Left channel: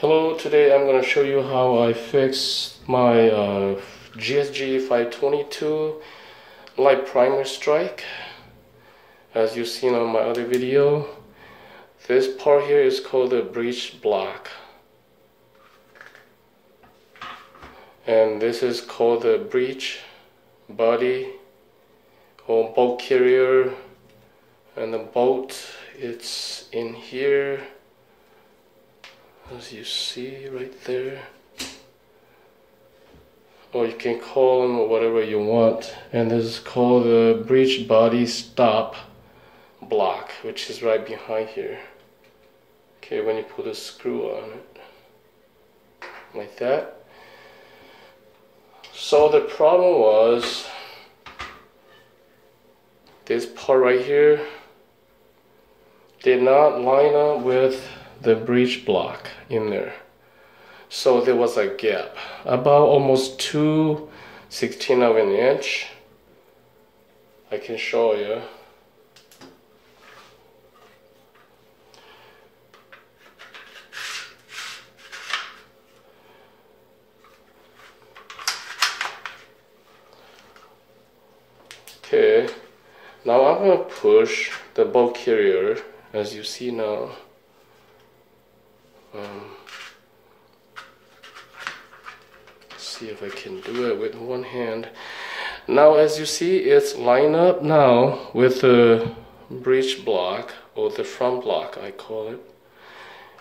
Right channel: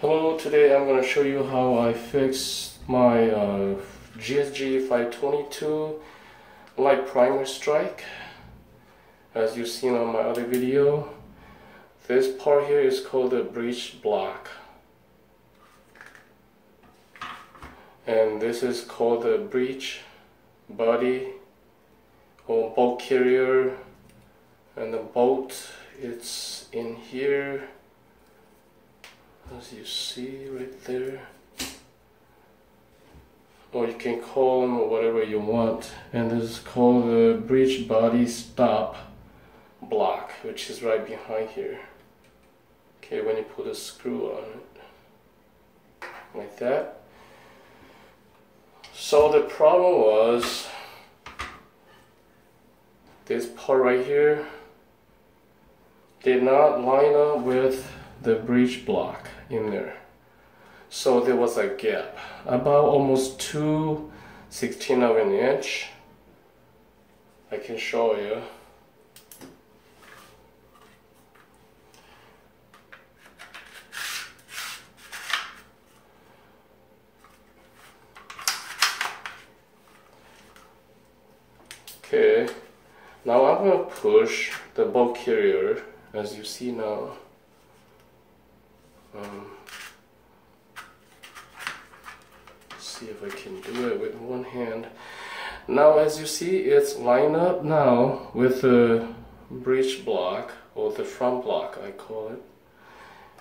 Hello, today I'm going to show you how I fixed my GSG 522 light primer strike. As you've seen on my other video, this part here is called the breech block, and this is called the breech body or bolt carrier, and the bolt, it's in here, as you see right there, or you can call them whatever you want. And this is called the breech body stop block, which is right behind here. Okay, when you put a screw on it like that. So the problem was this part right here did not line up with the breech block in there. So there was a gap, about almost 2/16 of an inch. I can show you. Okay, now I'm going to push the bolt carrier, as you see now. See if I can do it with one hand. Now, as you see, it's lined up now with the breech block, or the front block I call it.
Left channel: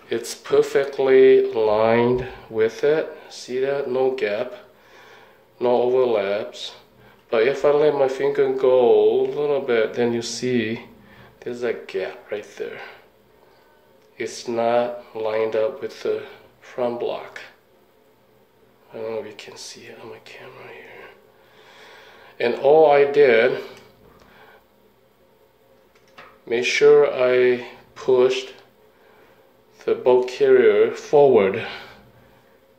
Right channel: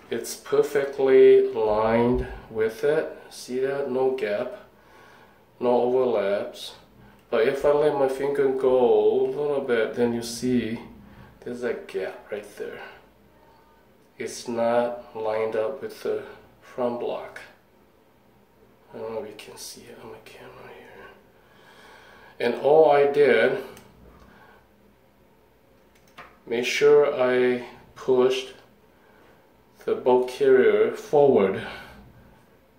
It's perfectly aligned with it. See that? No gap, no overlaps. But if I let my finger go a little bit, then you see there's a gap right there. It's not lined up with the front block. I don't know if you can see it on my camera here. And all I did, make sure I pushed the bolt carrier forward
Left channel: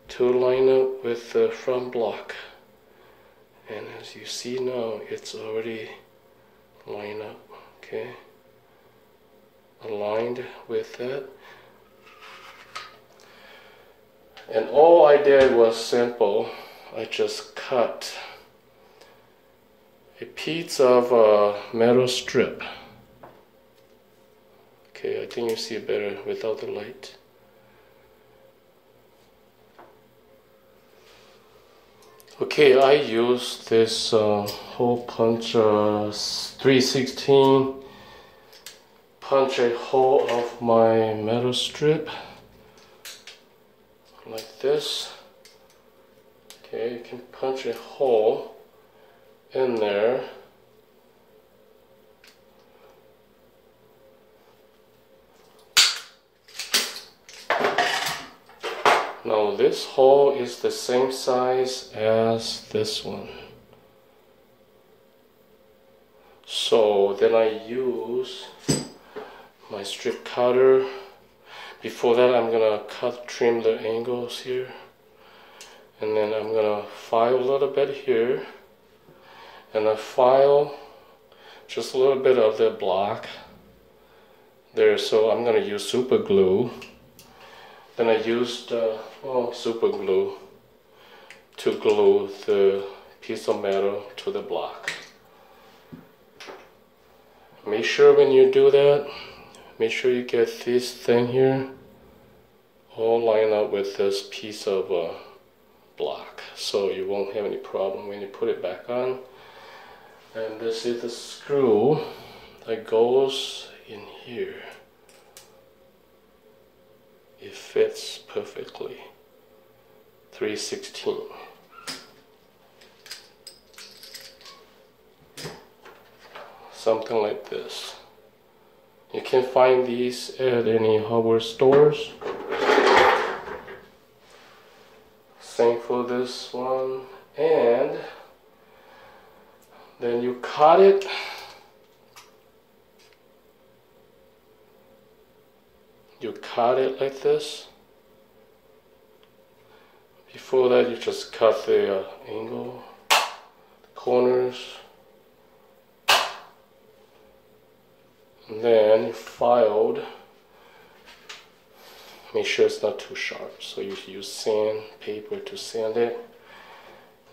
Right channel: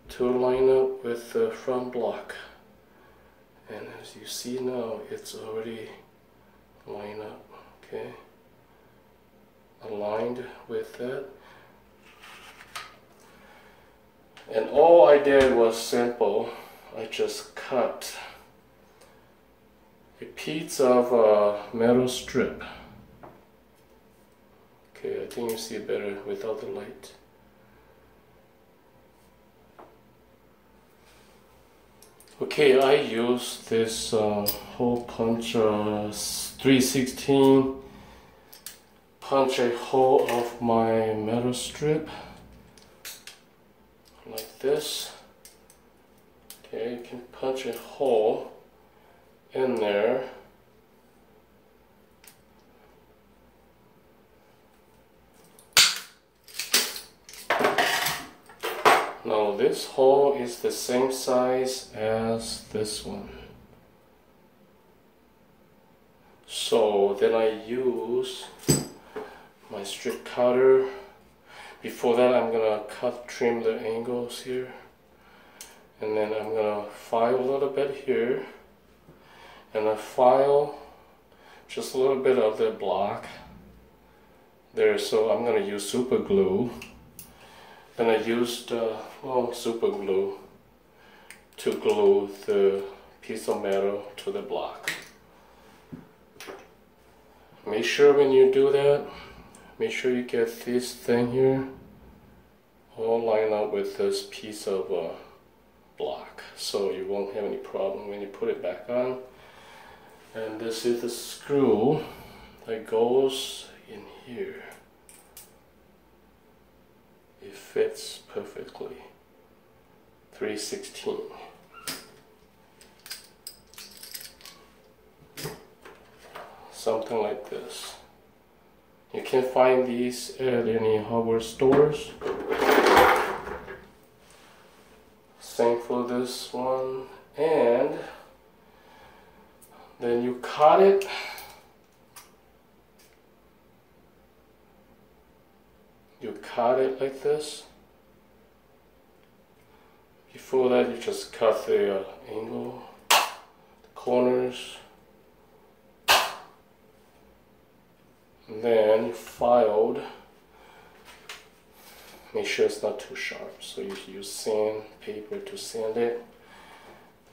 to line up with the front block. And as you see now, it's already lined up, okay? Aligned with that. And all I did was simple. I just cut a piece of metal strip. Okay, I think you see it better without the light. Okay, I use this hole puncher 3/16 punch a hole of my metal strip like this. Okay, you can punch a hole in there. Now this hole is the same size as this one. So then I use my strip cutter. Before that, I'm gonna trim the angles here, and then I'm gonna file a little bit here, and I file just a little bit of the block there. So I'm gonna use super glue, and I used super glue to glue the piece of metal to the block. Make sure when you do that, make sure you get this thing here all lined up with this piece of block, so you won't have any problem when you put it back on. And this is the screw that goes in here. It fits perfectly. 3/16. Something like this. You can find these at any hardware stores. Same for this one. And then you cut it. You cut it like this. Before that, you just cut the angle, the corners. And then you filed Make sure it's not too sharp. So you use sandpaper to sand it.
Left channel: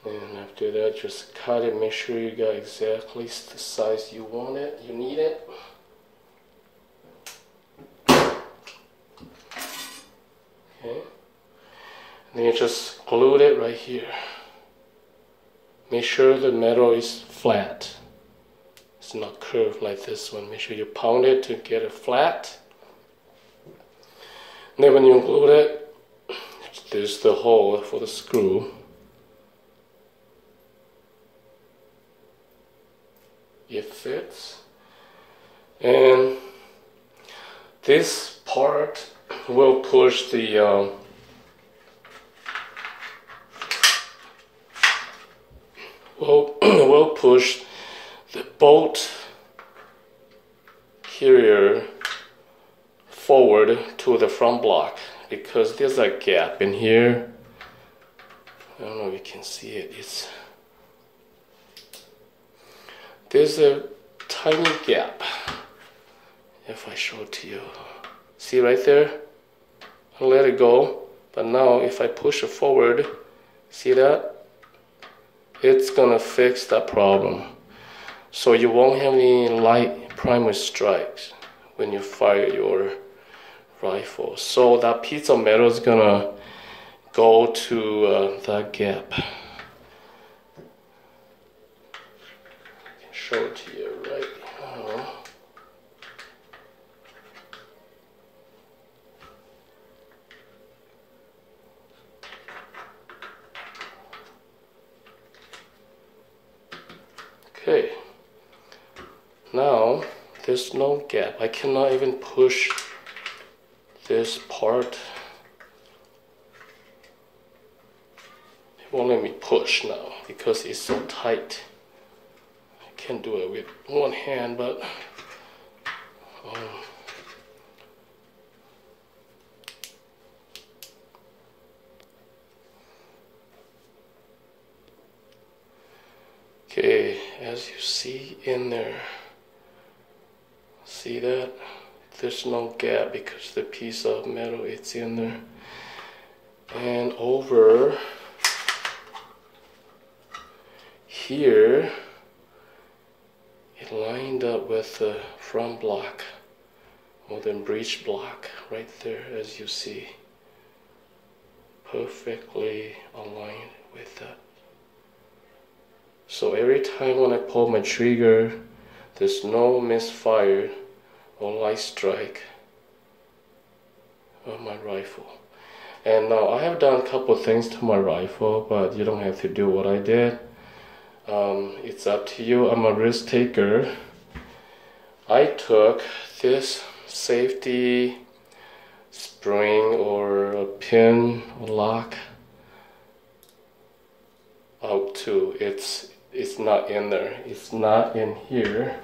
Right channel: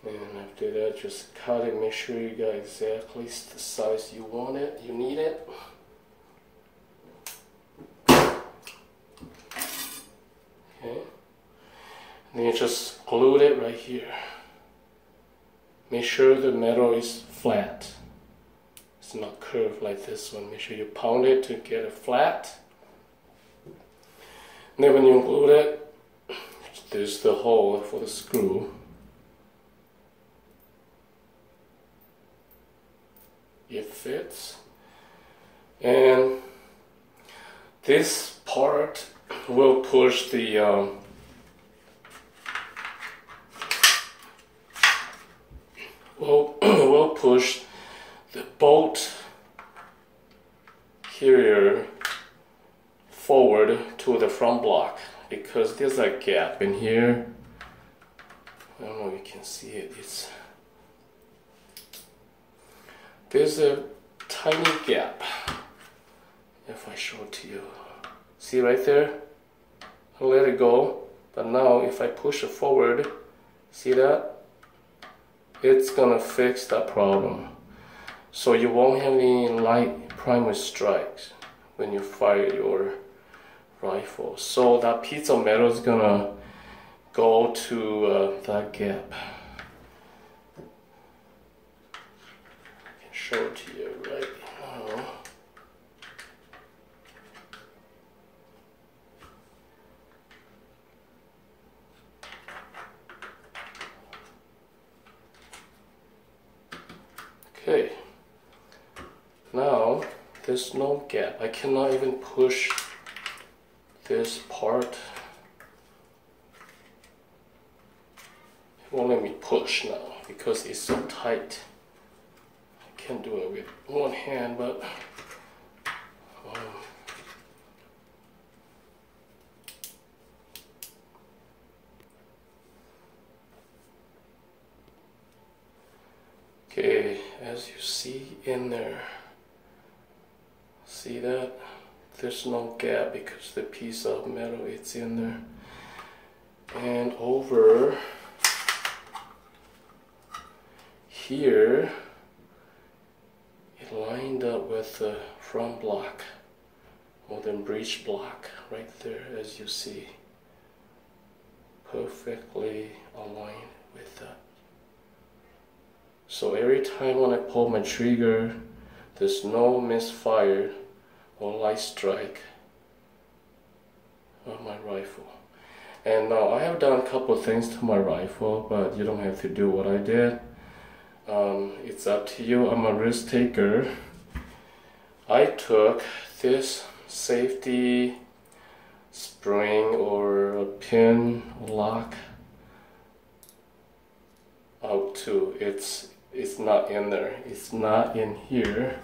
And after that, just cut it. Make sure you got exactly the size you want it, you need it. Okay. Then you just glue it right here. Make sure the metal is flat. It's not curved like this one. Make sure you pound it to get it flat. And then when you glue it, there's the hole for the screw. It fits. And this part will push the will push the bolt carrier forward to the front block, because there's a gap in here. I don't know if you can see it. There's a tiny gap. If I show it to you, see right there? I'll let it go, but now if I push it forward, see that? It's gonna fix that problem. So you won't have any light primer strikes when you fire your rifle. So that piece of metal is gonna go to that gap. I can show it to you right now. Okay, now there's no gap. I cannot even push this part. It won't let me push now because it's so tight. I can't do it with one hand, but okay, as you see in there, see that? There's no gap because the piece of metal it's in there. And over here, it lined up with the front block or the breech block right there, as you see. Perfectly aligned with that. So every time when I pull my trigger, there's no misfire or light strike on my rifle. And now I have done a couple of things to my rifle, but you don't have to do what I did. It's up to you. I'm a risk taker. I took this safety spring or a pin lock out too. It's not in there. It's not in here.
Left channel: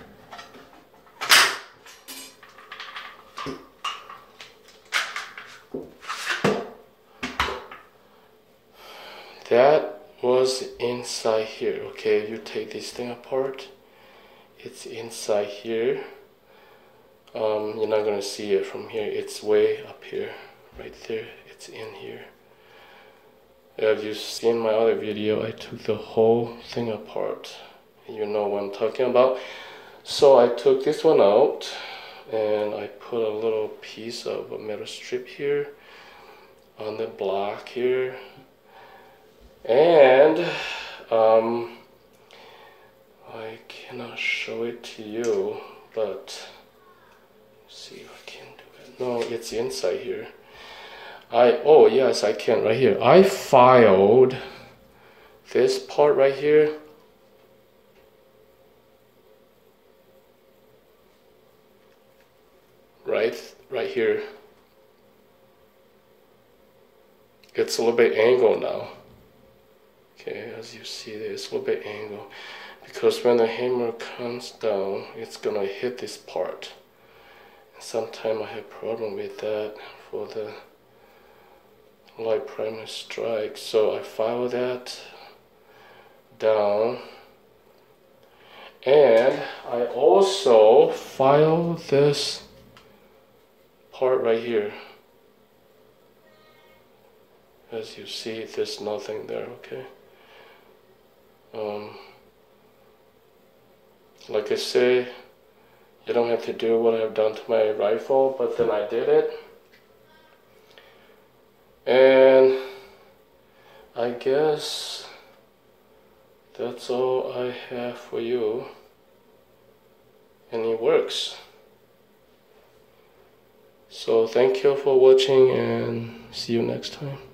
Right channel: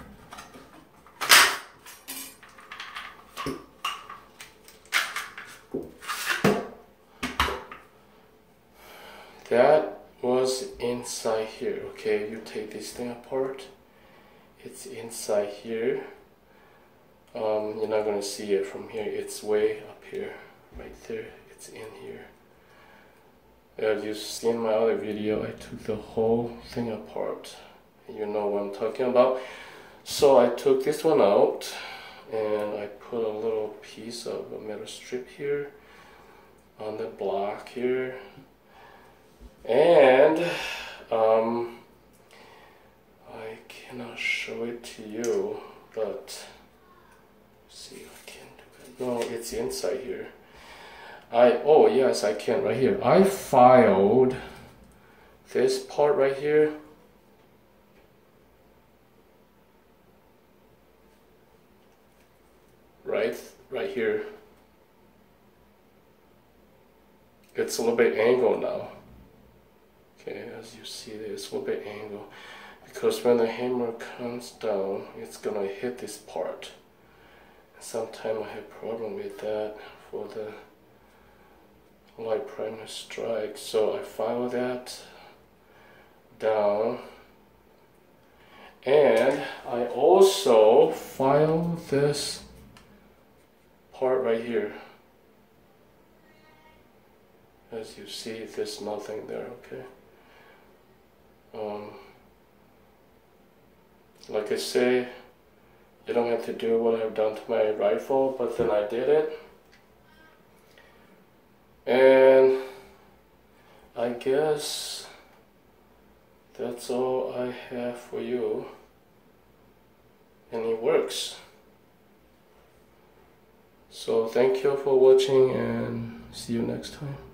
That was inside here. Okay, you take this thing apart. It's inside here. You're not gonna see it from here. It's way up here, right there. It's in here. As you've seen my other video, I took the whole thing apart. You know what I'm talking about. So I took this one out and I put a little piece of a metal strip here on the block here. And I cannot show it to you, but see if I can do it. No, it's inside here. Oh yes, I can right here. I filed this part right here. Right here. It's a little bit angled now. Okay, as you see there, it's a little bit angled. Because when the hammer comes down, it's gonna hit this part. And sometimes I have problem with that for the light primer strike. So I file that down. And I also file this part right here. As you see, there's nothing there, okay? Like I say, you don't have to do what I've done to my rifle, but then I did it. And I guess that's all I have for you. And it works. So thank you for watching and see you next time.